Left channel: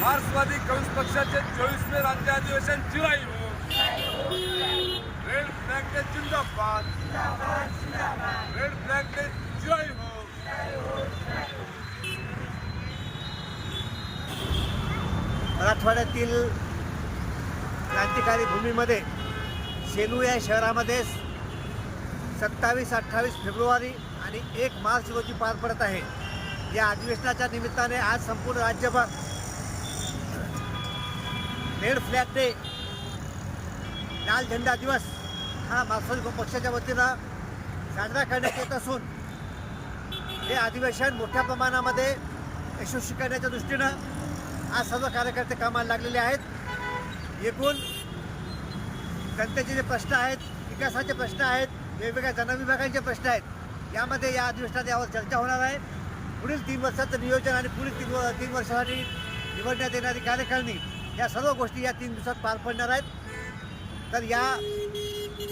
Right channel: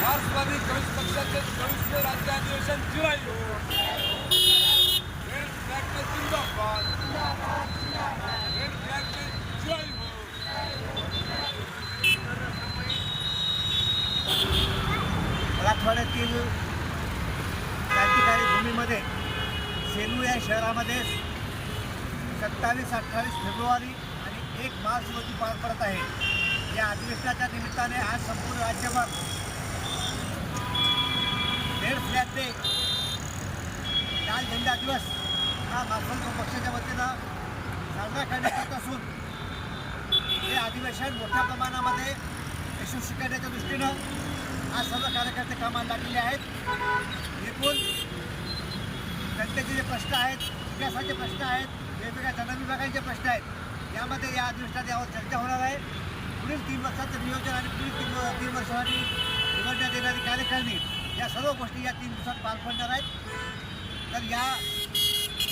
मार्क्सवादी कम्युनिस्ट पक्षाचे चोवीसवे राज्य अधिवेशन जुलै हो रेड फ्लॅग डे जिंदाबाद. रेड फ्लॅग डे जुलै हो मराठवाड्यातील क्रांतिकारी भूमीमध्ये सेलू या शहरामध्ये सत्तावीस अठ्ठावीस फेब्रुवारी आणि एक मार्च रोजी पार पडत आहे. या अधिवेशनाच्या निमित्ताने आज संपूर्ण राज्यभर रेड फ्लॅग डे. लाल झेंडा दिवस. हा मार्क्सवादी पक्षाच्या वतीनं साजरा करण्यात येत असून हे अधिवेशन मोठ्या प्रमाणामध्ये यशस्वी करण्याच्या दृष्टीनं आज सर्व कार्यकर्ते कामाला लागलेले आहेत. एकूण जनतेचे जे प्रश्न आहेत विकासाचे प्रश्न आहेत वेगवेगळ्या जनविभागांचे प्रश्न आहेत यामध्ये या अधिवेशनात यावर चर्चा होणार आहे. पुढील तीन वर्षाचं नियोजन आणि पुढील तीन तीन वर्षासाठी निवडण्यात येणारी कार्यकारिणी या सर्व गोष्टी या तीन दिवसात पार पडणार आहेत. तर या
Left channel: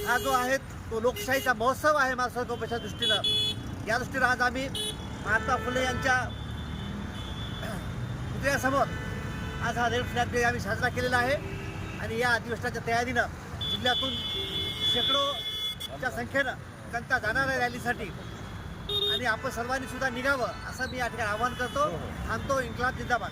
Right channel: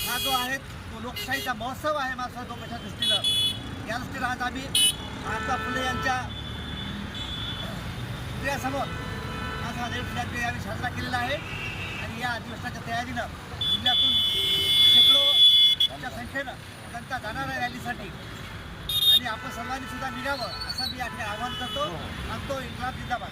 हा जो आहे तो लोकशाहीचा महोत्सव आहे मार्क्सवादी काँग्रेसच्या दृष्टीनं. या दृष्टीनं आज आम्ही महात्मा फुले यांच्या पुतळ्यासमोर आज हा रेड फ्लॅग डे आम्ही साजरा केलेला आहे. आणि या अधिवेशनाच्या तयारीनं जिल्ह्यातून शेकडोच्या संख्येनं जनता जाणार आहे रॅलीसाठी आणि आपण सर्वांनी सुद्धा निघावं असं मी या ठिकाणी आवाहन करतो. सांगतो इन्कलाब जिंदाबाद.